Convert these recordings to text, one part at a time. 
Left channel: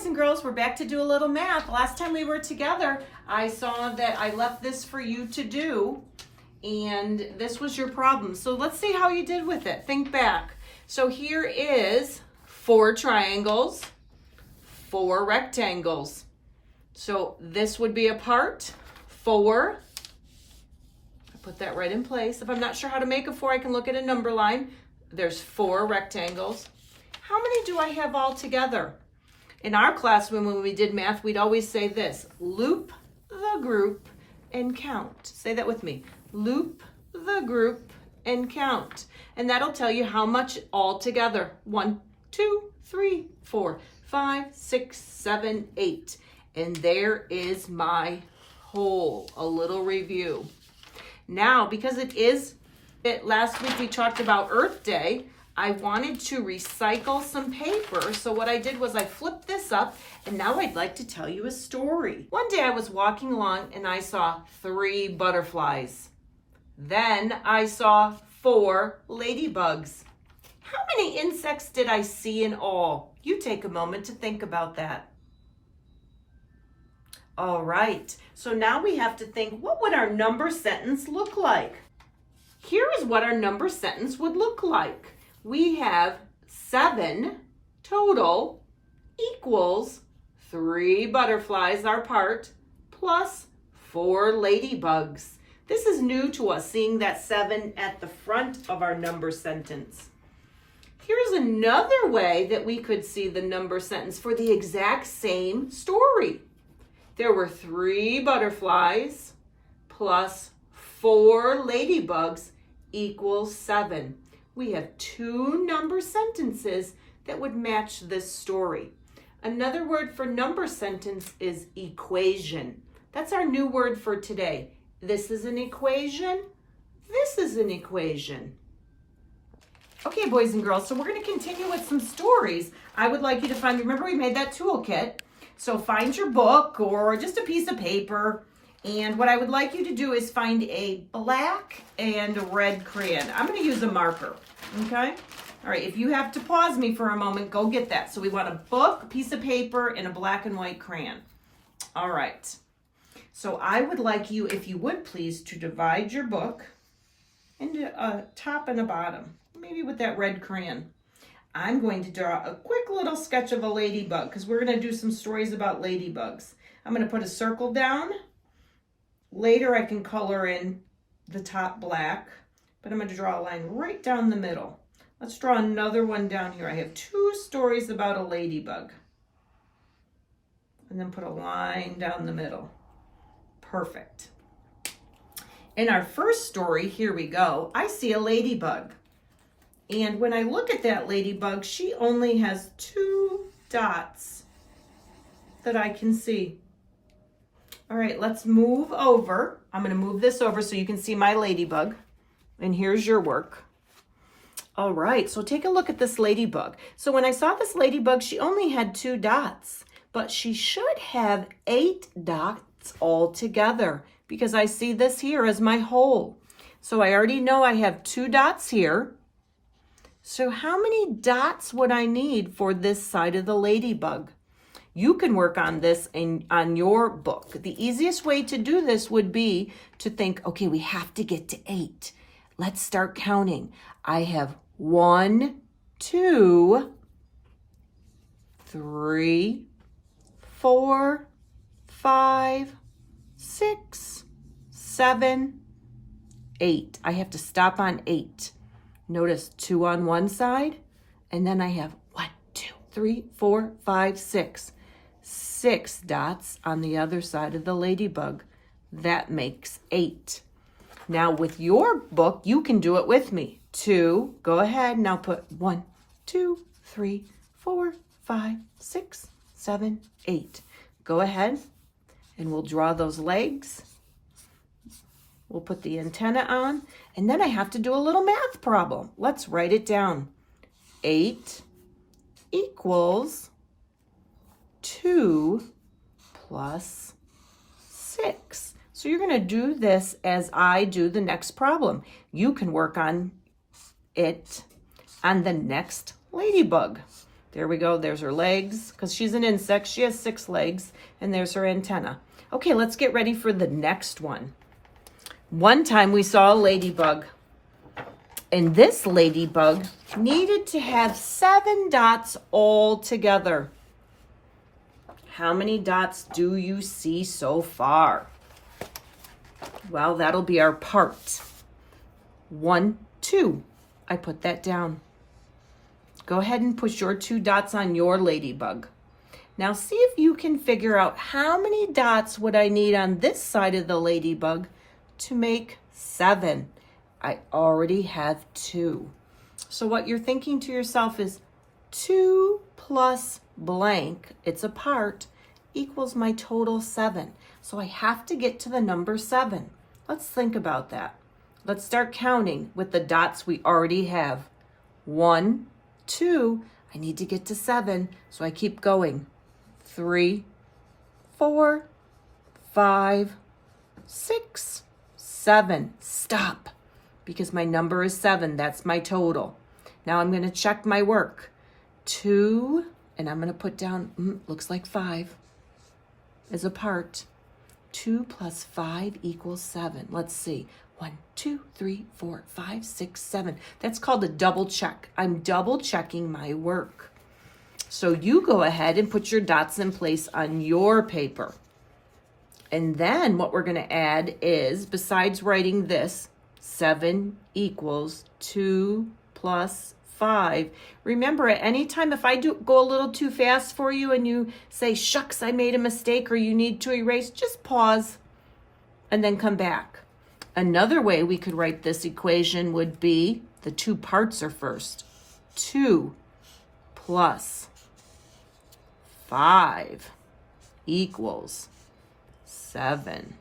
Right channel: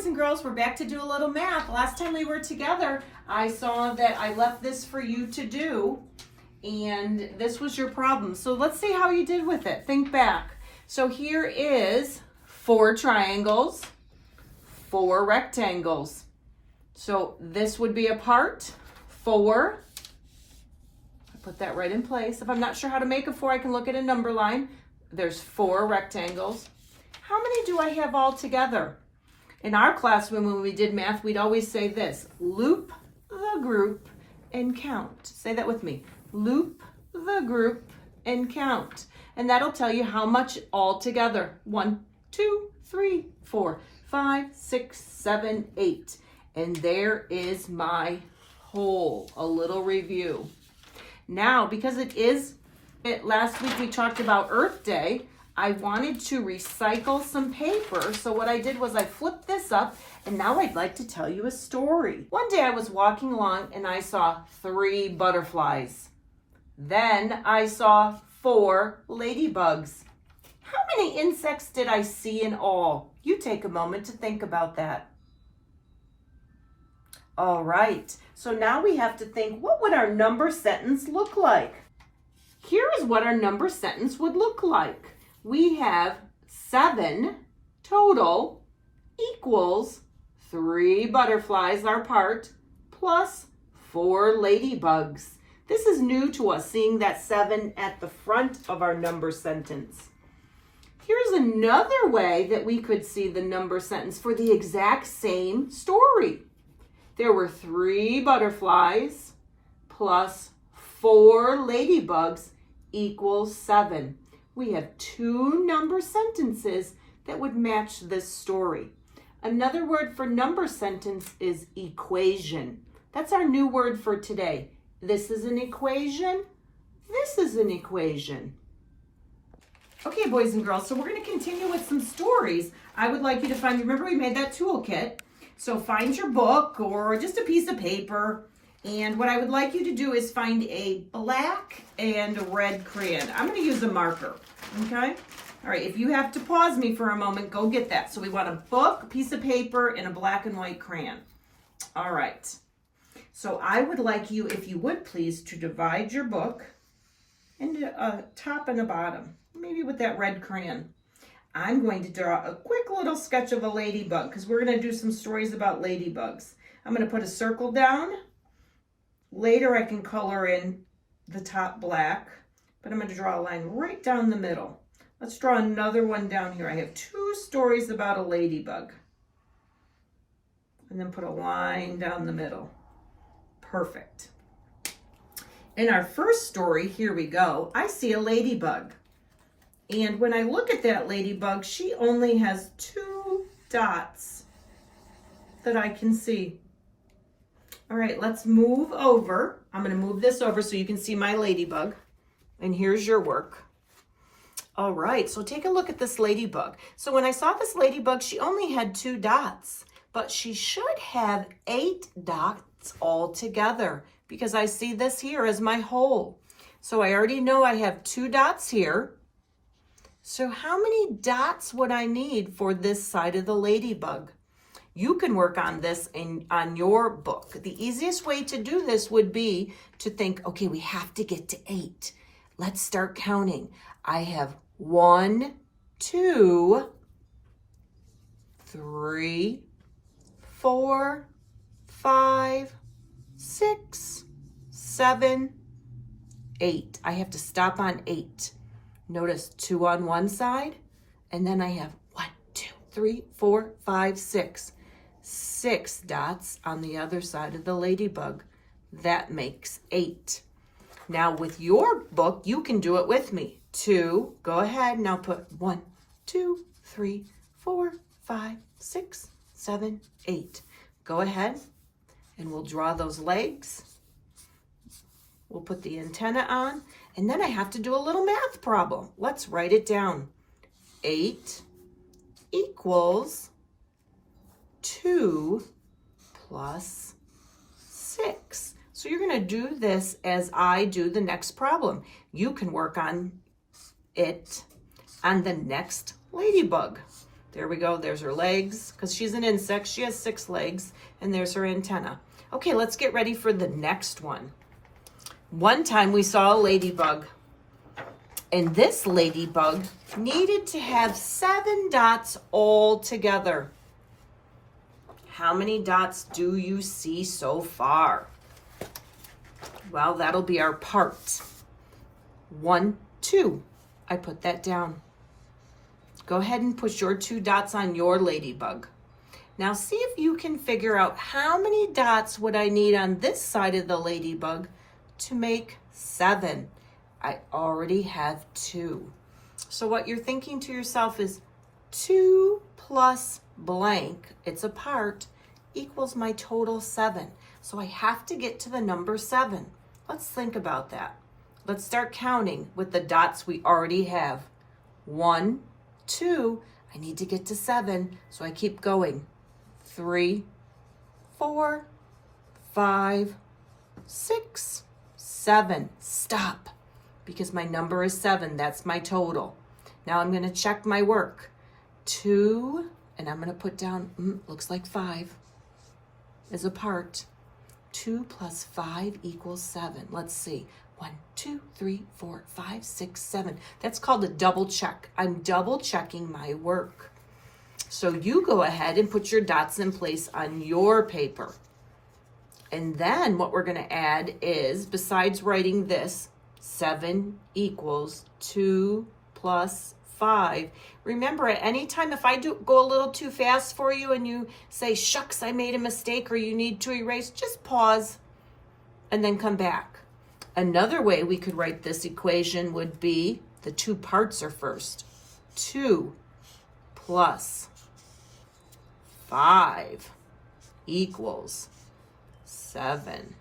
boys and girls, we're back to do a little math. Last time we were together, I saw that I left this for you to do, and this was your problem. So let's see how you did with it. Think back. So here is 4 triangles, 4 rectangles. So this would be a part 4. I put that right in place. If I'm not sure how to make a 4, I can look at a number line. There's 4 rectangles. How many do I have all together? In our class, when we did math, we'd always say this: loop the group and count. Say that with me. Loop the group and count. And that'll tell you how much all together. 1, 2, 3, 4, 5, 6, 7, 8. And there is my whole. A little review. Now, because last week we talked about Earth Day, I wanted to recycle some paper. So what I did was I flipped this up, and now I'd like to tell you a story. One day I was walking along and I saw 3 butterflies. Then I saw 4 ladybugs. How many insects did I see in all? You take a moment to think about that. All right, so now we have to think, what would our number sentence look like? Here is what our number sentence would look like. We have 7 total equals 3 butterflies, our part, plus 4 ladybugs. This is new to us, seeing that 7 at the front of our number sentence. Here's another way that we could see the number sentence for the exact same story. There were 3 butterflies plus 4 ladybugs equals 7. We have 2 number sentences that would match this story. Another word for number sentence is equation. That's our new word for today. This is an equation. This is an equation. Okay, boys and girls, so we're going to continue with some stories. I would like you to find, remember we made that toolkit. So find your book or just a piece of paper. And what I would like you to do is find a black and a red crayon. I'm going to use a marker, okay? All right, if you have to pause me for a moment, go get that. So we want a book, a piece of paper, and a black and white crayon. All right. So I would like you, if you would please, to divide your book into a top and a bottom, maybe with that red crayon. I'm going to draw a quick little sketch of a ladybug because we're going to do some stories about ladybugs. I'm going to put a circle down. Later I can color in the top black, but I'm going to draw a line right down the middle. Let's draw another one down here. I have 2 stories about a ladybug. And then put a line down the middle. Perfect. In our first story, here we go, I see a ladybug. And when I look at that ladybug, she only has 2 dots that I can see. All right, let's move over. I'm going to move this over so you can see my ladybug. And here's your work. All right, so take a look at this ladybug. So when I saw this ladybug, she only had 2 dots, but she should have 8 dots all together because I see this here as my whole. So I already know I have 2 dots here. So how many dots would I need for this side of the ladybug? You can work on this on your book. The easiest way to do this would be to think, okay, we have to get to 8. Let's start counting. I have 1, 2, 3, 4, 5, 6, 7, 8. I have to stop on 8. Notice 2 on one side, and then I have 1, 2, 3, 4, 5, 6. 6 dots on the other side of the ladybug. That makes 8. Now with your book, you can do it with me. 2, go ahead, now put 1, 2, 3, 4, 5, 6, 7, 8. Go ahead and we'll draw those legs. We'll put the antenna on, and then I have to do a little math problem. Let's write it down. 8 equals 2 plus 6. So you're going to do this as I do the next problem. You can work on it on the next ladybug. There we go. There's her legs, because she's an insect. She has 6 legs, and there's her antenna. Okay, let's get ready for the next one. One time we saw a ladybug, and this ladybug needed to have 7 dots all together. How many dots do you see so far? Well, that'll be our part. 1, 2. I put that down. Go ahead and put your 2 dots on your ladybug. Now see if you can figure out how many dots would I need on this side of the ladybug to make 7. I already have 2. So what you're thinking to yourself is 2 plus blank, it's a part, equals my total 7. So I have to get to the number 7. Let's think about that. Let's start counting with the dots we already have. 1, 2, I need to get to 7, so I keep going. 3, 4, 5, 6, 7. Stop, because my number is 7. That's my total. Now I'm going to check my work. 2, and I'm going to put down, looks like 5 is a part. 2 plus 5 equals 7. Let's see. 1, 2, 3, 4, 5, 6, 7. That's called a double check. I'm double checking my work. So you go ahead and put your dots in place on your paper. And then what we're going to add is, besides writing this, 7 equals 2 plus 5. Remember, at any time, if I go a little too fast for you and you say, shucks, I made a mistake, or you need to erase, just pause and then come back. Another way we could write this equation would be, the 2 parts are first. 2 plus 5 equals 7.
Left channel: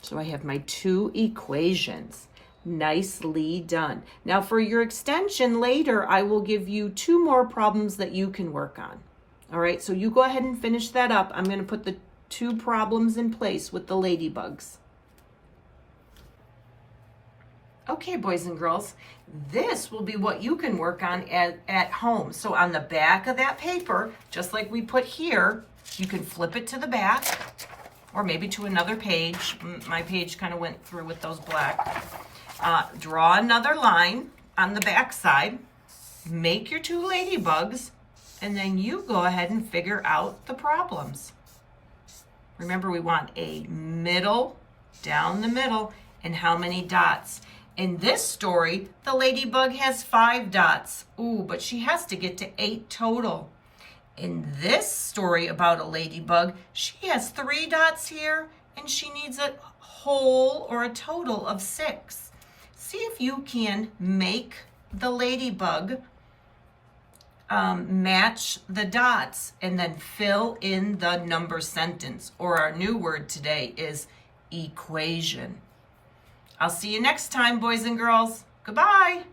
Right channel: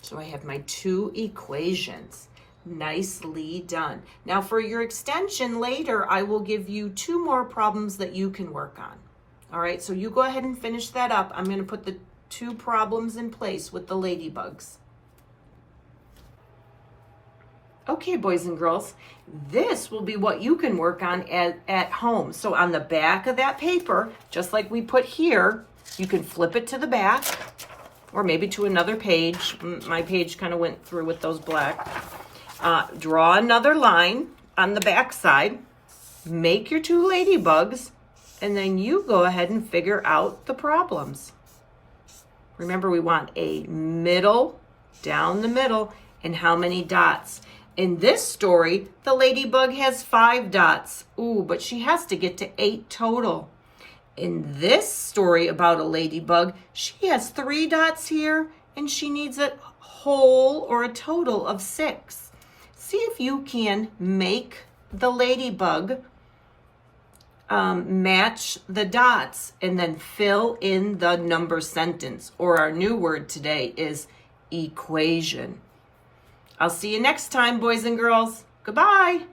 So I have my 2 equations. Nicely done. Now for your extension later, I will give you 2 more problems that you can work on. All right, so you go ahead and finish that up. I'm going to put the 2 problems in place with the ladybugs. Okay, boys and girls, this will be what you can work on at home. So on the back of that paper, just like we put here, you can flip it to the back or maybe to another page. My page kind of went through with those black. Draw another line on the back side, make your 2 ladybugs, and then you go ahead and figure out the problems. Remember, we want a middle, down the middle, and how many dots. In this story, the ladybug has 5 dots. Ooh, but she has to get to 8 total. In this story about a ladybug, she has 3 dots here, and she needs a whole or a total of 6. See if you can make the ladybug match the dots and then fill in the number sentence, or our new word today is equation. I'll see you next time, boys and girls. Goodbye.